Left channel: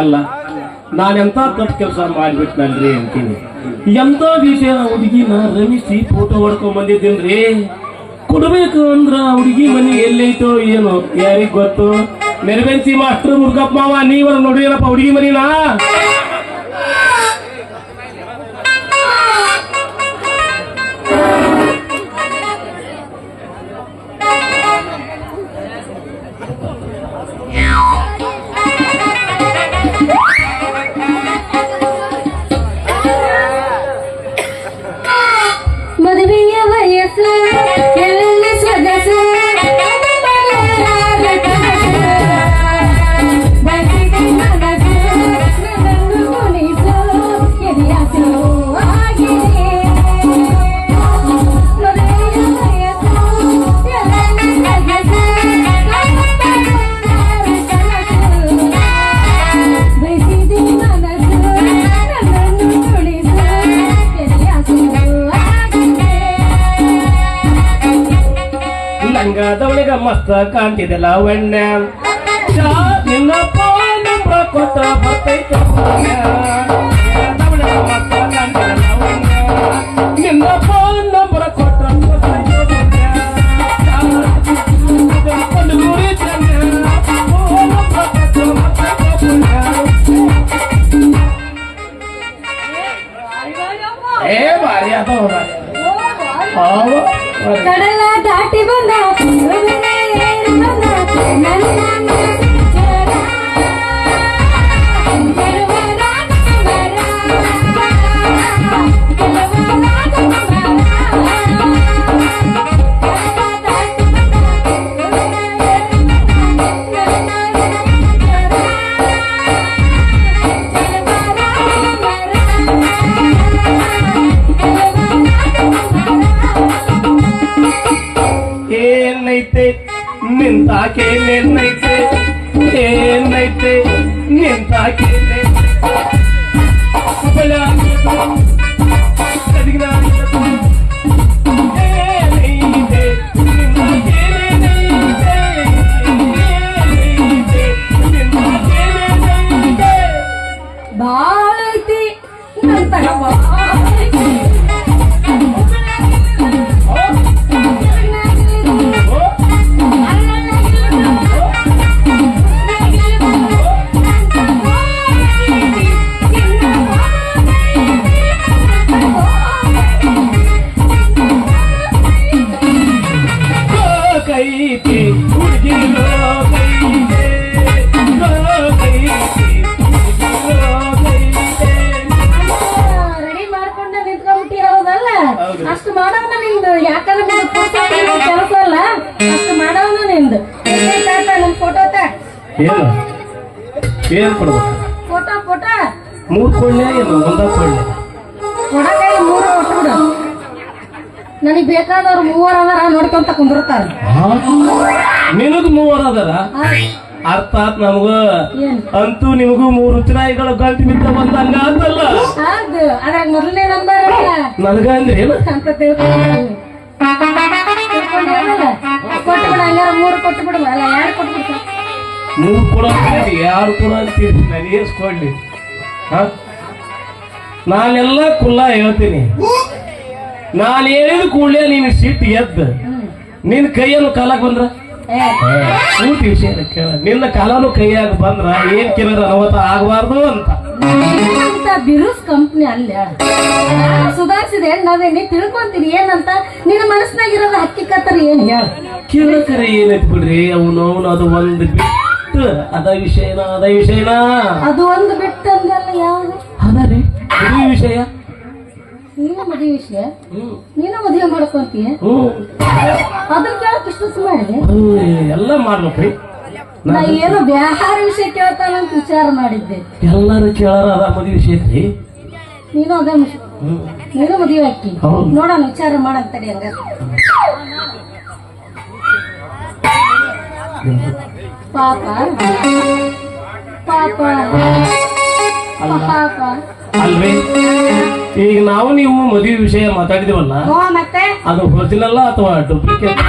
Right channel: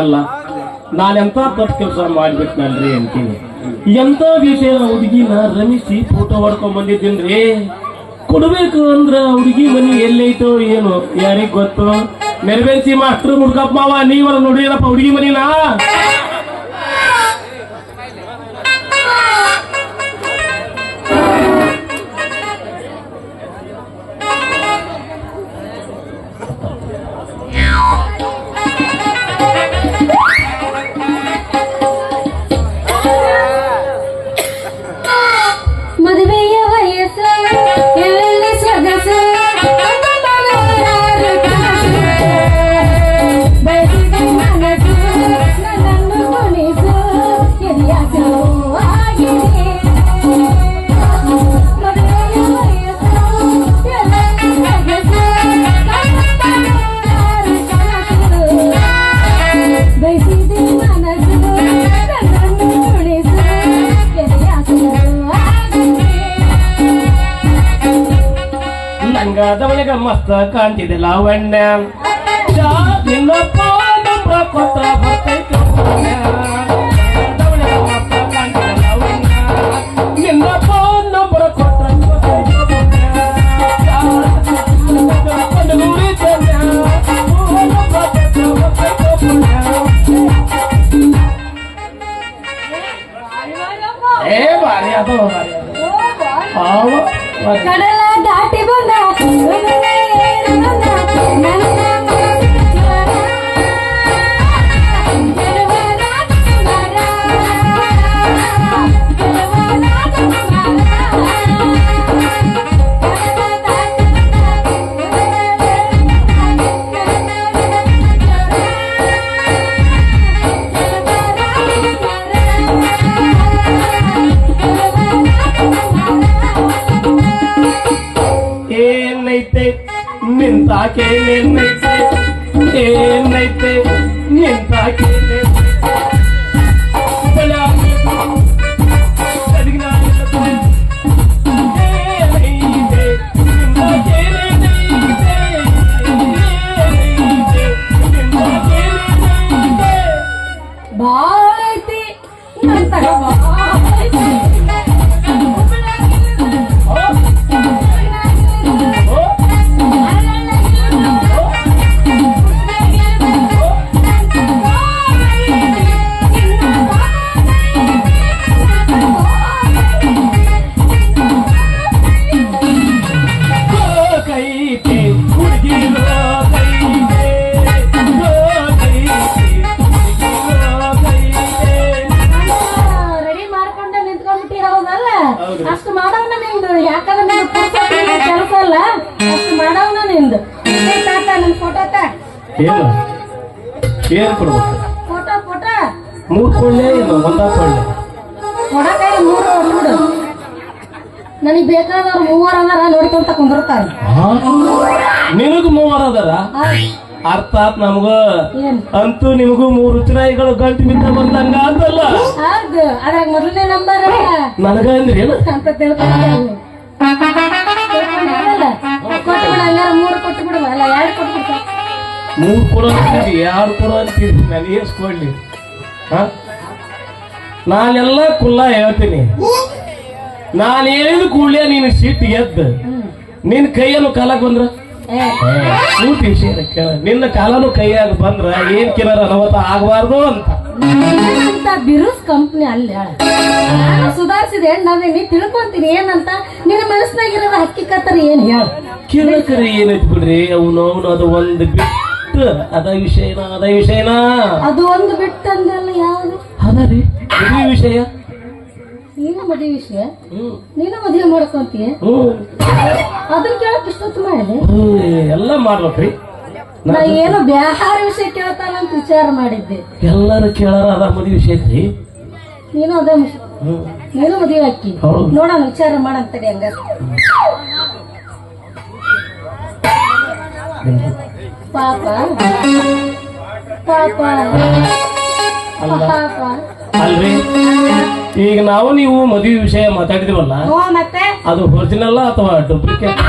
ಅಲ್ಲ? ನಾನೆಂತ ತಪ್ಪು ಕೆಲಸ ಮಾಡಿಬಿಟ್ನಲ್ರಿ ಅಂತೀನಿ. ಎಂತ ವಿಷಯ ಹುಡುಗಿನ ರಮಿಸಿ ಫೋಟೋ ಹೊಡ್ಕೊಂಡ್ ಬಂದಿದ್ದೀನ್ರಿ ಕೊಡ್ಬೇಕು ಅಂದ್ರ ಹುಡುಗಿ ಮನಿ ಎಲ್ಲೈತೋ ಏನು ಯಾರಿಗೆ ಗೊತ್ತು? ನೆರವೇರಿಸಿ ಮಾಸ್ಟ್ರು ಮುಡ್ಕಪ್ಪ ಮಾವ, ನೀವರ ನೋಡಿ ಏನಪ್ಪ ಹುಡುಗಿ ಮನಿನಾ? ಲಂಗಾದವಳಿಗ ಮಸ್ತ್ ಕಾಣ್ತಿದೆ ಲಾವಣ್ಯ ಶಾ ನಿನ್ನಪ್ಪ ನಂಬ್ರ ಕೊಟ್ಟ ಬರ್ತೈತೆ I can ಅಷ್ಟು ಮಾಡವ್ನ ನಿಂದು. ಏ ತಾತ ನನ್ ಫೋಟೋ ತ. ಏನು? ಏನು ಕೊಡ್ಬೇಕು? ಫೋಟೋ ಫೋಟೋ ಮೂರು ಕೊಳ್ಳೆ ಏನು ಒಂದ ಕೊಳ್ಳೆ ಕೊಡಕಾಯಿ ಮೂರು ಹೊಡ್ಬಿಡು ನನಗ್ ಬೇಕಾದವ್ರು ಮೂವರು ಅದಾರ ನೋಡ್ಕೊಂತ ಕುಂದಿರ್ತಾರ. ನಿನಗ್ ಮೂವರ್ ಅದಾರ? ಅರ್ಥಾತ್ ನಮಗ ಅಂತೂ ನಿಮಗೂ ಮೂರು ಚುನಾಯಿಗಳು ಗಂಟು ಬಿದ್ದ ಬಂದಂಗ ಅಂತಲ್ಲ? ಅದ್ರಾಗ ಮೊದಲನೇ ನಂಬರ್ ನನಗ ಅಂದ್ರೆ ಏನು ಅಂತ ತಿಳ್ಕೊಂಡು ಮೂರು ಕೊಟ್ಟು ಯಾರು ನಾನೆಲ್ಲ ಕುಲ್ಲ ಹೇಳ್ತೀನಿ ನಾನು ಕೂಡಲೇ ನೀನು ಸಿಟ್ಟು ಎದ್ದು ನಿನ್ನ ಕೈಯನ್ನು ಕಾಲಕ್ಕೆ ಬಂದ್ರ ಪೂರ್ತಿ ವಿಷಯ ಕೇಳ ನಿನ್ನ ಕಾಲನು ಕೈಯಾಗ ಬಂದ್ರ ಏನ್ ಕಿಲರ್ ಅನುಮತ ಆಗಬಾರ್ದು ಅಂತ. ಬಿರುಸ್ ಕಂಪ್ನಿ ಅಲ್ಲಿ ಸುಧಾರಿಸಿದೆ ನಾವೇನಿ ತಿಳ್ಕೊಂತೀನಿ ಏನಂತ? ನಿನ್ನ ಮನಸ್ಸಿನಾಗಿರೋದು ಹಕ್ಕಿಕತ್ತರ ಏನ್ ಹೇಳ? ಕಿರುಕರಿ ಏನೈತಿ ಬಿಡ್ರಿ? ಅವನು ಅವನು ಅದು ಒಂದು ಬಿಟ್ಟು. ಅದ ವಿಷಯನ ಅದ ವಿಷಯನ? ಅದು ಒಂದು ಬಿಟ್ಟು ಅಂದಲ್ಲ ಯಾವ್ದು ಅದ ರೀ ವಿಷಯ? ನೀನು ಮದುವೆ ವಿಷಯ? ನೀನು ಮದುವೆ ಮಾಡ್ಕೊಂತೀಯ? ಅದನ್ನ ಕೇಳಕ್ ಇಷ್ಟೊತ್ತು ಮಾಡಿದೆ ಎಲ್ಲ ಮಾಡ್ಬೇಕ್ರಿ ನಾ ಏನೋ ಬ್ಯಾಹಾರ ವಿಷಯ ಕೇಳ್ತಾನಂತ ವಿಚಾರ ಮಾಡಿದ್ದೆ. ಎಲ್ಲರೂ ಕೇಳಾರ ಅದ ಮದುವೆ ವಿಷಯ ಐತ್ರಿ. ನೀನು ಅದೇ ವಿಷಯ. ನೀನು ಮದುವೆ ಹಾಕಿ ನೋಡೋಣ ವಿಚಾರ ಮಾಡಂತಡಿ ಹಂಗ ಪಾಪ. ಪಾಪ. ಪಾಪ. ಅಲ್ರಿ? ಈಗ ನಾವು ನೀವು ಮದುವೆ ವಿಷಯ ಮಾತಾಡಿದಿವಲ್ಲ ಅದು ಒರಿಜಿನಲ್ ಅಥವಾ ಡೂಪ್ಲಿಕೇಟ್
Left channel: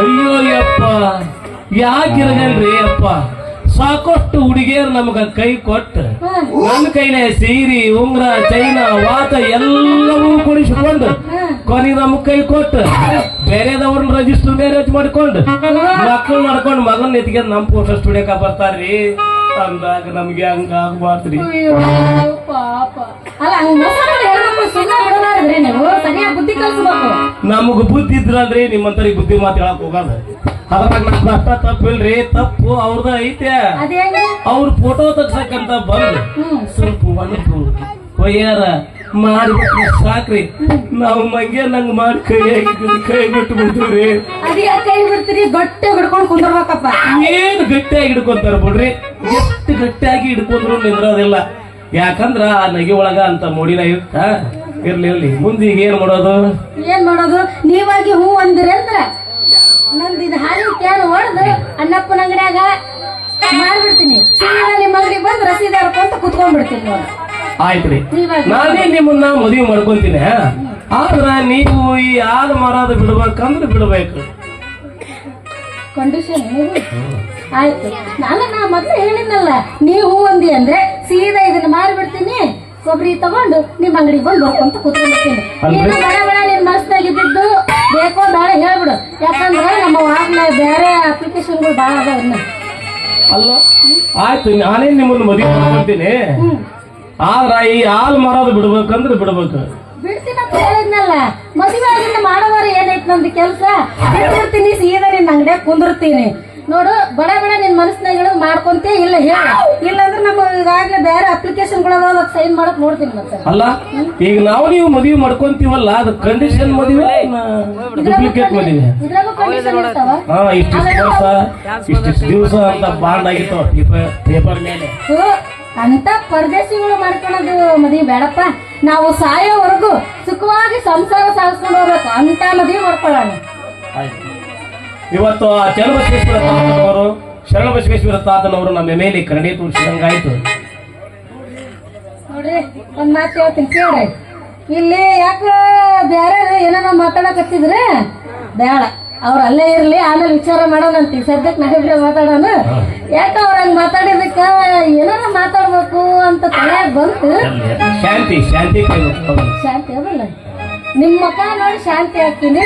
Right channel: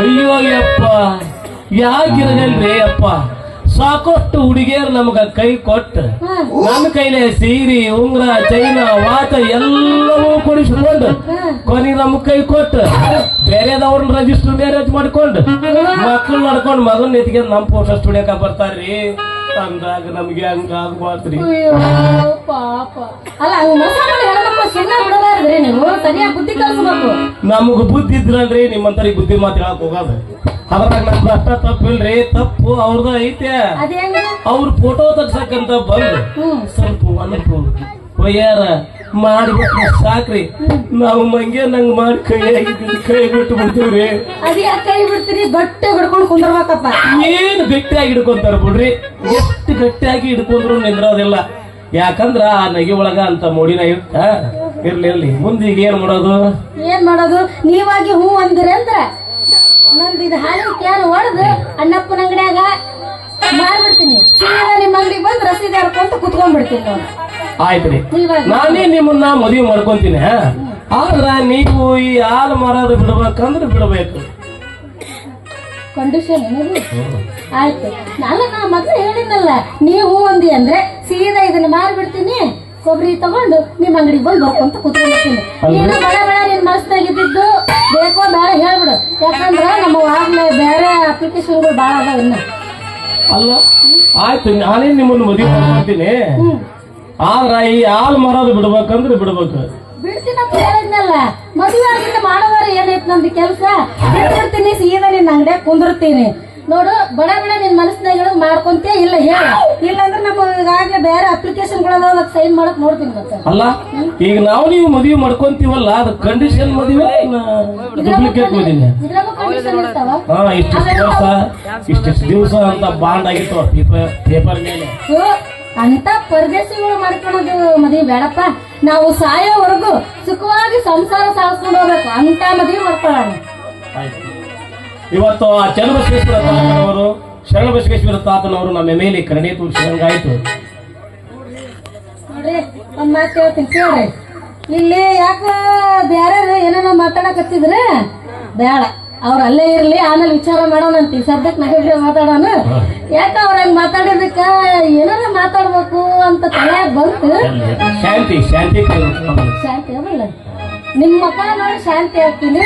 ಅಯ್ಯೋ ಅಯ್ಯಪ್ಪ. ಯಾಕಿರಗಲ್ರಿ ಅಪ್ಪ? ಸಾಕಷ್ಟು ಹುಡುಗಿಯರು ನಮಗ ಕೈ ಕೊಟ್ಟು. ನನ್ನ ಕೈಲೇ ಸೀರಿ ಉಂಗ್ರ ಚೈನ ವಾತ ಎಲ್ಲವೂ ಕೊಡಿಸಿಕೊಂಡು ಕೊನೆ ನಮ್ ಕೈ ಕೊಟ್ಟು. ಬೇರೆದವ್ರನ್ನ ರಜಿಸ್ಟರ್ ಮ್ಯಾರೇಜ್ ಮಾಡ್ಕೊಂಡು ಮಕ್ಕಳು ಮಾಡ್ಕೊಂಡು ಮಗನ್ ಎತ್ತಿಗೆ ನಮ್ ಫೋಟೋ ಸ್ಟುಡಿಯೋಕ ಬರ್ತಾರ್ರಿ. ಅಂದಾಗ ನಮ್ಗೆ ಹಂಗ ಆಗ್ಬಾರ್ದ್ರಿ ನಮಗ್ ಬುದ್ಧಿ ಇದ್ರಲ್ರಿ ನಿಮ್ಮಂತರಿಗೆ ಬುದ್ಧಿ ಮಾತು ಹೇಳಕ್ ಹೋಗೋದು ಅದ್ರಾಗ ನಮ್ದು ಅಷ್ಟ ತಪ್ಪಿಲ್ರಿ ತಪ್ಪು ಅವ್ರದ ಐತೆ. ಅವ್ರ ಫೋಟೋ ತಗ್ಸಕ್ಕಂತ ಬಂದು. ಸ್ವಲ್ಪ ಒಣಪು ಒಯ್ಯಾರ ಮಾಡ್ಬಿಟ್ರೆ ಸಾಕ್ರಿ. ನಾವು ಮಂಗೆ ನಂಗ್ ಮಾಡಿ ಕೈ ಕೈ ಬಿಟ್ಟು ಬಿಡ್ತೀವ್ರಿ. ಕೈ ಬಿಡ್ತೀರಿ? ಗಟ್ಟಿ ಹಿಡ್ಕೊಂಡು ಕುಂದ್ರಬೇಕಪ್ಪ. ಏನ್ ಗಟ್ಟಿಯಾಗಿ ಹಿಡ್ಕೊಂತಾರ ಬಿಡ್ರಿ? ಎಷ್ಟು ಗಟ್ಟಿಯಾಗಿ ಹಿಡ್ಕೊಂಡ್ರು ನಿಂದ್ರೋದಿಲ್ಲ. ಯಾಕಂದ್ರ ಆ ನಗಿ ಒಳಗ ಅಂತ ಮೂಡಿನ ಇರ್ತ ಇರ್ಲಿ ಇರ್ಲಿ. ಮುಂದೆ ಈಗ ಏನ್ ಮಾಡೋದು? ಏನ್ ಮಾಡೋದು? ನೀವಾಗಿ ಹೂ ಅಂದ್ರೆ ಅಂದ್ರ? ನಂದು ಇದು ಹಾಲಿನ ಕ್ಯಾನ್ ಹೊಡೆದು ಅಣ್ಣಪ್ಪನ ಅಂಗಡಿಯಾಗ ಮಾಡ್ಬಿಡ್ತೀನಿ ಸೀದಾ ನಿಮ್ಮ ಅಂಗಡಿಗೆ ಬಂದು ರಸೀದಿ ಹರ್ಕೊಂತ ಕುತ್ಕೊಂಡ್ಬಿಡ್ತೀನಿ ಆಯ್ತ್ರಿ. ನೀವಾಗ ನಾನೇ ನಿಮ್ಮನ್ನ ಮದುವೆ ಮಾಡ್ಕೊಂತೀನಿ. ಆದ್ರ ನೀವು ಈ ಹಾಲು ಮಾರಾದ ಬಿಡ್ಬೇಕಂದ್ರೆ ಬಿಡ್ಬೇಕು. ಕಂಡೀಷನ್ ಆಯ್ತು. ನಾನು ನಾ ಮೊದ್ಲು ಹೇಳಿದ್ನಲ್ಲ ನೀವು ಹೂ ಅಂದಿ ಅಂದ್ರೆ ಸೀದಾ ಇದನ್ನ ಮಾರಿಬಿಡ್ತೀನಿ. ಕೊಬ್ಬರಿ ತಗೊಂಡು ನಿಮ್ಮ ಅಂಗಡಿಗೆ ಬಂದು ಬರ್ಕೊಂತ ಕೂತ್ಕೊಂಡಿರ್ತೀನಿ ಇನ್ನು ಬೇಡ ಬೇಡ ನಿನ್ ಮನಸ್ಸಾಗಿದ್ದು ಬೇಕು ಬೇಡ ಹೇಳ್ಬಿಡು. ಯಾಕಂದ್ರೆ ನಮ್ಮ ಆಗ್ಲೇ ಬೇರೆ ಅಪ್ಲಿಕೇಶನ್ಗಳು ಭಾಳ ಅದಾವ ಇನ್ನ. ಅಲ್ಲ ಆಯ್ತು ನಾನೇ ನಿಮ್ಮನ್ನು ಮದುವೆ ಮಾಡ್ತೀನಿ. ಆದ್ರ ಈ ಹಾಲ್ ಮಾರೋದು ಬಿಡ್ಬೇಕಂದ್ರೆ ಬಿಡ್ಬೇಕು. ಬಿಡ್ತೀನಪ್ಪ ಹೇಳಿದ್ನಲ್ಲ. ಮದುವೆ ಮಾಡೋದಾರ ಏನೈತ್ ನಮ್ದು ಕೆಲಸ? ಬಿಡ್ತೀನಿ ಸೀದಾ ನಿನ್ನ ಅಂಗಡಿಯಾಗ ಕುಂದಿರ್ತೀನಿ. ನೋಡು ಬಡ ಬಡ ನಿನ್ ಮನಸ್ಸಿನಾಗ ಮಾಡ್ಕೊಂತೇ ಮಾಡ್ಕೊಂತೀಯ ಇಲ್ಲ ಹೇಳ. ಇಲ್ಲಾಂದ್ರೆ ನಮ್ಮ ಈಗಾಗಲೇ ಬೇರೆ ಅಪ್ಲಿಕೇಶನ್ಗಳು ಸೈನ್ ಮಾಡಕ್ ನೋಡ್ತೀನಿ ಮತ್ತೆ. ಅಲ್ಲ ಈಗ ನಾವು ನೀವು ಮದುವೆ ಮಾಡ್ಕೊಂತೀವಲ್ಲ ಅದು ಕಂಡೀಷನ್ ಮದುವೆ ಡೂಪ್ಲಿಕೇಟ್ ಮದುವೆ? ಹಾ ಇಷ್ಟಿಷ್ಟು ದಿವಸ ಇಷ್ಟಿಷ್ಟು ದಿವಸ ಅಂತ ಬಾಂಡ್ ಆಗಿತ್ತು ಪೇಪರ್ ಮೇಲೆ. ಅಂತ ಪರದೇಶಿಗಳು ಮಾಡ್ಕೊಳ್ಳೋದು ಮದುವೆ ಬೇಡಪ್ಪ. ನಾವು ಸಾಯೋವರೆಗೂ ಸುಖವಾಗಿ ಸಂಸಾರ ಸಾಗಿಸ್ಕೊಂಡು ಹೋಗ್ಬೇಕು. ಅಂತ ಮದುವೆ ಮಾಡ್ಕೊಳ್ಳೋಣ. ಆಯ್ತು. ಇವತ್ತು ಆ ಚನ್ನಬಸವೇಶ್ವರ ತಾತನವರು ಶರಣಬಸವೇಶ್ವರ ತಾತನವರು ನಮ್ಮ ಮೇಲೆ ಕರುಣೆ ತೋರಿಸಿದಂಗಾಯ್ತು. ನೋಡ್ರಿ ಒಂದ್ ಮಾತು ಹೇಳ್ತೀನಿ ಕೇಳ್ರಿ. ಇಲ್ಲಿ ಯಾಕ ಬ್ಯಾರೆ ಏನಾರ ಮಾತಾಡಕತ್ತಿದ್ರೆ ಬೇಡ ಅವ್ರ ಅಲ್ಲೇ ಇರ್ಲಿ ಆಮೇಲೆ ವಿಚಾರ ಮಾಡೋಣ ಅಂತ ಸದ್ಯಕ್ಕೆ ನಾವಿಬ್ರೆ ಮಾತಾಡೋಣ. ಯಾಕ ಅವ್ರ ಹಂಗ ಮಾತಾಡಿದಕ್ಕ ಏನಾರ ಮಾತಾಡ್ಬೇಕು ಅಂತ ತಲೆ ಬಂತು? ಶಾಂತಿ ಶಾಂತಿ. ಶಾಂತಿ ಅದಲ್ಲ ನಿಮ್ ಮುಖ ನೋಡಿ ಶಾಂತಿ ಹಾಕಿನಿ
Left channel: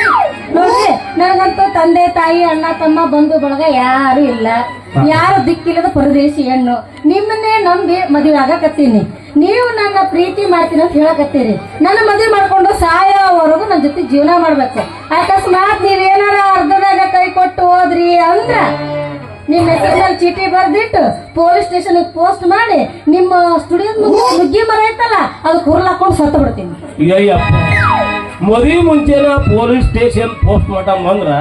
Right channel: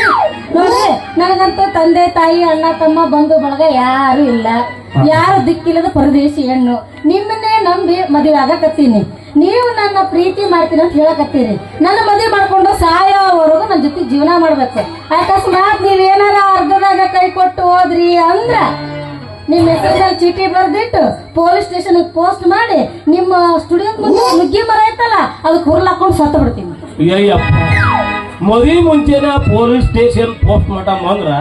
ನೋಡ್ರಿ ನನಗಂತೂ ತಂದೆ ತಾಯಿ ಅಣ್ಣ ತಮ್ಮ ಬಂಧು ಬಳಗ ಯಾರು ಇಲ್ಲ. ಯಾರು ದಿಕ್ಕಿಲ್ಲದ ಪರದೇಶಿ ಹೆಣ್ಣು. ನಿಮ್ಮನ್ನೇ ನಂಬಿ ಮದುವೆ ಆಗಕತ್ತೀನಿ. ನೀವು ನನ್ನ ಪ್ರೀತಿ ಮಾಡ್ತೀನಿ ಅಂತ ಹೇಳಕತ್ತೀರಿ. ನನ್ನ ಮದುವೆ ಮಾಡ್ಕೊಂಡು ಸಾಯೋವರೆಗೂ ನನ್ನ ಜೊತೆ ಜೀವನ ಮಾಡ್ಬೇಕು. ಅಕಸ್ಮಾತ್ ನೀವೇನಾರ ಅರ್ಧದಾಗ ಕೈ ಕೊಟ್ಟು ಹೋದ್ರಿ ಅಂದ್ರ ನಿಮ್ಮ ಹೆಸರಿನಲ್ಲಿ ಚೀಟಿ ಬರ್ದಿಟ್ಟು ಪೊಲೀಸ್ ಸ್ಟೇಷನ್ ಪೋಸ್ಟ್ ಮಾಡಿ ನಿಮ್ಮ ಸ್ಟುಡಿಯೋ ಮುಂದೆ ನುಗ್ಗಿ ಮರ ಐತಲ್ಲ ಅದು ಹುರ್ಲಾಕೊಂಡು ಸತ್ತು ಬಿಡ್ತೀನಿ ಮದುವೆ ಮುಂಚೆನ ಪೊಲೀಸ್ ಸ್ಟೇಷನ್ ಪೋಸ್ಟ್ ಮಾರ್ಟಮ್ ಅಂದ್ರ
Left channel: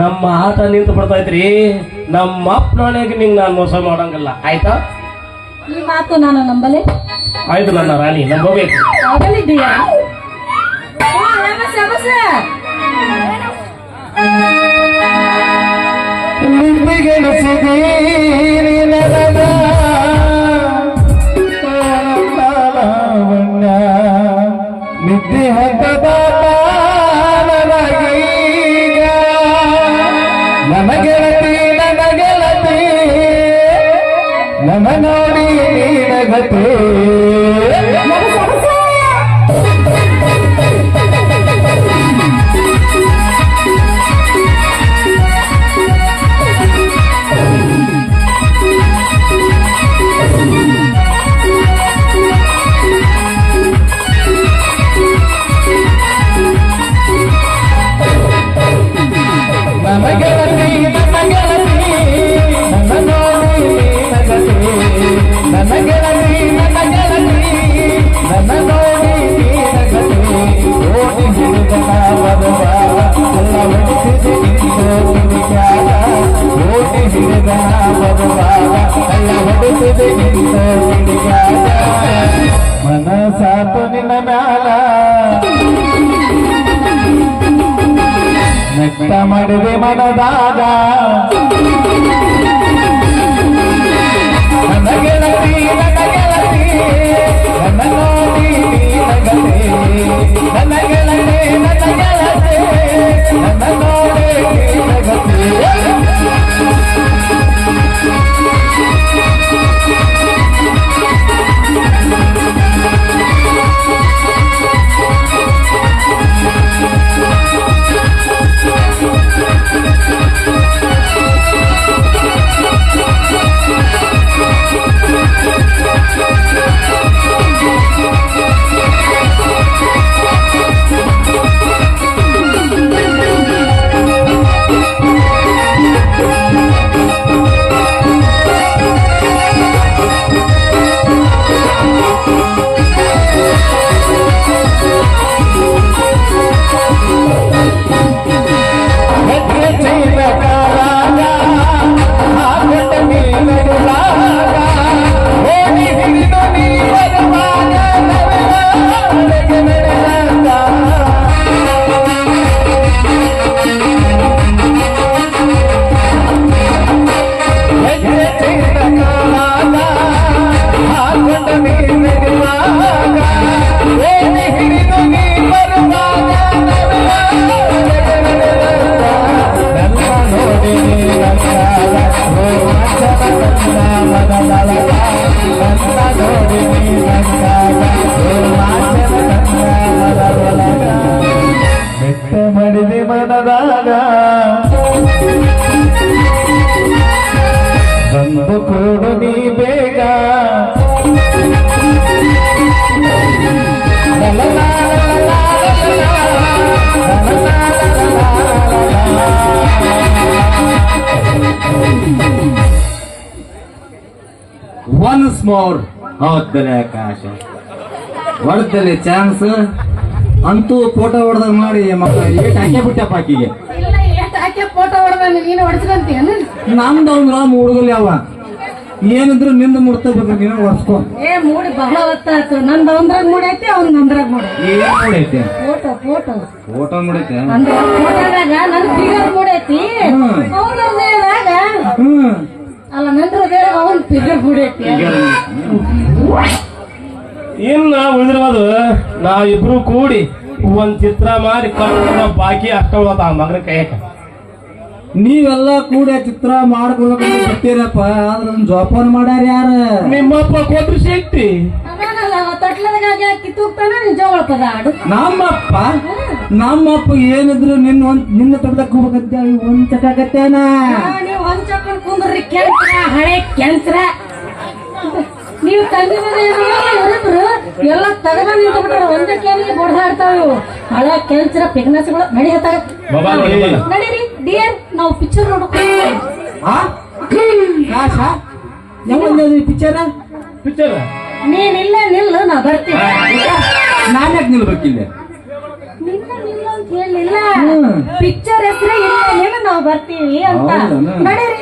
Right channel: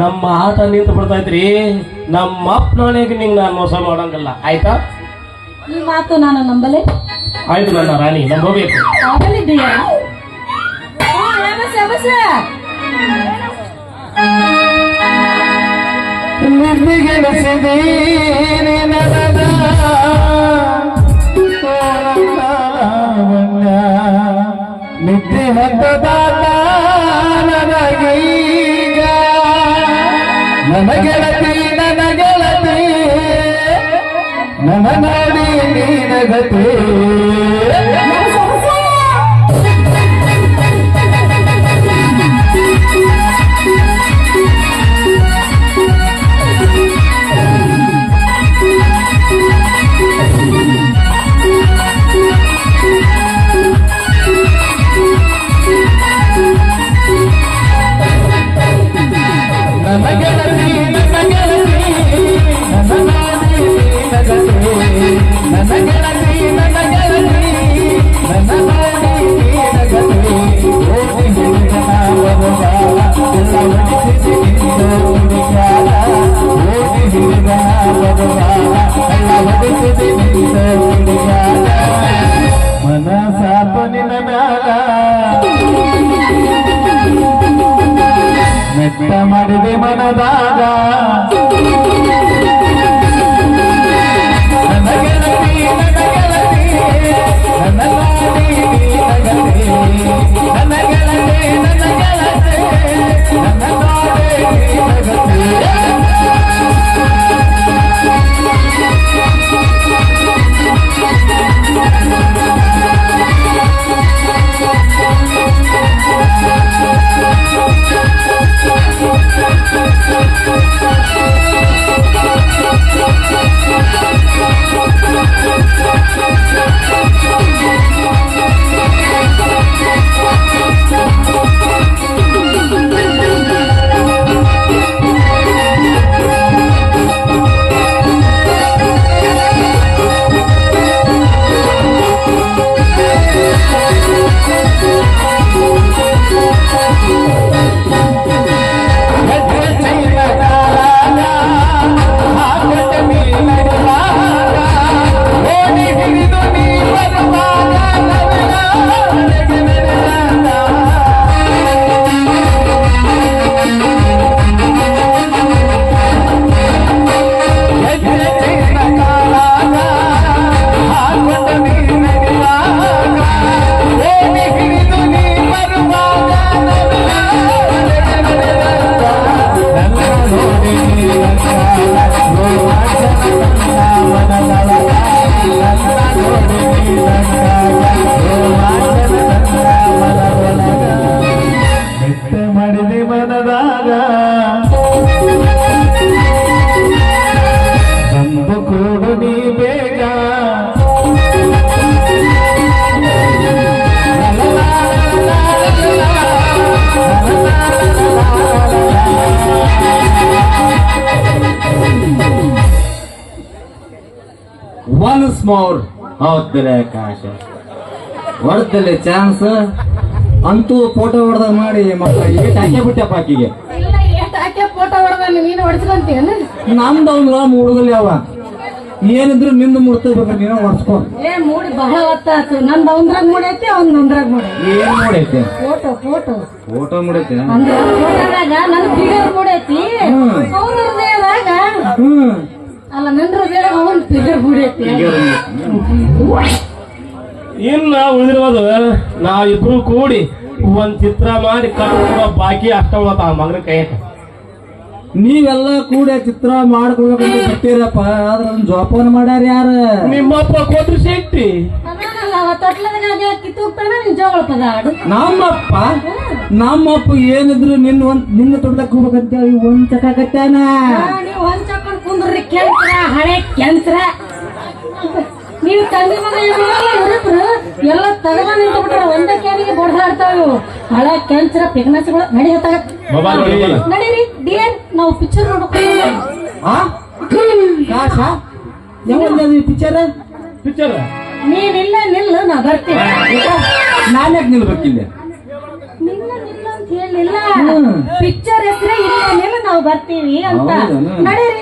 ನಮ್ಮ ಆಟ ನಿಂತು ಬಿಡ್ತೈತ್ರಿ. ನಮ್ಮ ಅಪ್ಪ ನಾಳೆಗೆ ನಿಂಗೆ ನಾನು ಮೋಸ ಮಾಡಂಗಿಲ್ಲ. ಆಯ್ತಾ? ಈ ಮಾತು ನಾನು ನಂಬಲೆ? ಆಯ್ತು ನನ್ನ ರಾಣಿ ನಾನು ಹೋಗ್ಬೇಕು. ಆಗಲಿದ್ದೀಯಾ ನಮಸ್ತೆ ನಮಸ್ತೆ ನಿದ್ದೆ ನೀನಗತಿ ನಿನ್ನ ಮ್ಯಾಲ ನೆಟ್ಟ ಮಾಡಿದೆ ಮನದಾಗ ನನ್ನ ಗೆಳತಿ ನನ್ನ ಮೋರ್ ಹೌದಲೆ ಆಕಾಶ ಹೊಡ್ತಲೆ ಚಾನ್ಸ್. ಅಂತೂ ಫೋಟೋ ಹೊಡೆದ ಮಾಡಿ ಮಕ್ಕಳಿಗೆ ಏಟ್ ಹಾಕಿ ಬಿಟ್ಟಪ್ಪ ಆಕಿಗೆ. ಇಲ್ಲ ಅವ್ನು ಒಂದು ಮುಳುಗಲಿ ಅವ. ಏನಿದ್ರು ನಿಂದ ಮುಡ್ತಬೇಕು ನೀನ ಹೊಡ್ಸ್ಕೊ. ಏ ಮೂಡಿ ಬಹಳ ಹೊತ್ತಾತು ನಂದು ಅವಂದ್ರಾಗ ಮೂಡೈತಿ ಅವ್ನ ಅಂದ್ರಾಗ ಮೂಡಿ ಏನ್ ಮಾಡೈತೆ ಫೋಟೋ ಫೋಟೋ ಫೋಟೋ ಮುಡೈತೆ ಅಂದ್ರೆ ಫೋಟೋದಾಗ ನನ್ ಫಿಗರ್ ಮೂಡೈತಿ. ಹ್ಮ್. ಅಲ್ಲ ನಂತರ ಅವನ್ ಫಿಗರ್ ಇನ್ನ ಉಳಿದಿರೋದು ನಾವಿಬ್ರು ಕೂಡಿ ಒಂದ್ ಚಿತ್ರ ಮಾಡಿ ಕಾಣ ಬಾಕಿ ಅಷ್ಟ ಉಳತ ಮಗನ ಕೈಯಕ ನೀವೆಲ್ಲ ಕೂಡ ಚಿತ್ರ ಮಾಡ್ಕೊಳ್ಬೇಕಂತ ಬಿಟ್ಟಿರಪ್ಪ ಆದ್ರ ಅದನ್ನ ಜೋಪಾನ ಮಾಡ್ಯಾರ ಯಾರ? ನಿಮ್ಮಪ್ಪ ಕೊಟ್ರು ಶಕ್ತಿ ನಮ್ಮಪ್ಪ ನಮ್ಮಪ್ಪ ಏನಿದ್ರು ನಿನ್ನ ಒಂದ್ ನಿನ್ನ ತೊಡ್ದಕ್ ಹೋಗ್ಬೇಕಂತೇಳಿ ಒಂದ್ ಚಕಾಕತ್ತಾನ ಒಂದ್ ಹೊಂಚಕೊಂಡ್ ಕುಂದ್ರಿ ಕೆಂತ್ರ ಹಳೆ ಕೆಂತ್ರ. ನೀವು ತಂದೆ ಮನೆ ಇರಿದ್ರು ಎಲ್ಲ ತಗದ ನಿಂತು ಬಿಟ್ರೆ ಒಂದೇ ಕ್ಯಾನಿಗೆ ಬಡ್ದಾಡ್ತಾವ ಇವು. ಹಳೆ ಕೆಂತ್ರ ಪಿಗ್ನಸ್ಗಳು ನಡಿ ಹತ್ತಾಗ ಬಾಬಾ ನಡಿ. ನಡೀರಿ. ಡಿಯರ್ ನಾವು ಪಿಕ್ಚರ್ ನೋಡ್ಕೊಂಡು ಪಿಕ್ಚರ್ ಪಿಕ್ಚರ್ ನೀನಿಲ್ಲ ನಿಲ್ಲು ನಾ ಬರ್ತೀನಿ. ನಾನು ಯಾಕೆ ನಿಲ್ಬೇಕಿಲ್ಲ ನಿಲ್ಲ ನಿಲ್ಲ ಅಂತ ಹೇಳಿಲ್ಲ. ಪಿಕ್ಚರ್ ಹೆಸರು ಇಲ್ಲ ನಾವು ಬರ್ತೀವಿ ಅಂತ? ನಡೀರಿ.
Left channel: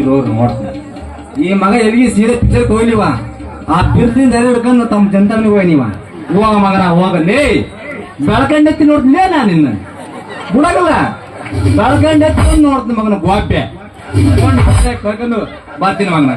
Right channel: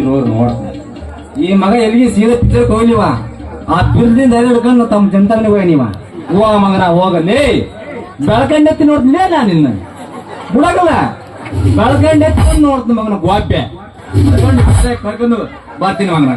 ಎಲ್ಲಿ ನೋಡ್ತಾರೆ. ಈ ಮಗ ಎಲ್ಲಿಗೆ ಸೀರೆ ಪಿಕ್ಚರ್ ಹೋಗ್ಲಿವ ಆ ಬಿರ್ದಿಂದ ಎಲ್ಲಿ ಹಿಡ್ಕೊಂಡು ತಮ್ಮ ಚಿಂತಾಮಣಿಗೆ ಹೋಗಿ ನೀವ. ಹೋಗ ಮಗನ ಹೋಗಲೇ. ಬೆಳಕಂಡೆತ್ತಿ ನೋಡ್ತಿಲ್ಲ ನಾನು ನಿನ್ನ ಬಿಡಗಲ್ಲ. ಬೆಳಕಂಡೆತ್ತಿ ನೋಡ್ತೀನಿ ಮಗನ ಗೋಪೆ ಕರ್ಕೊಂಡು ಬರ್ತೀನಿ ಮಗನ.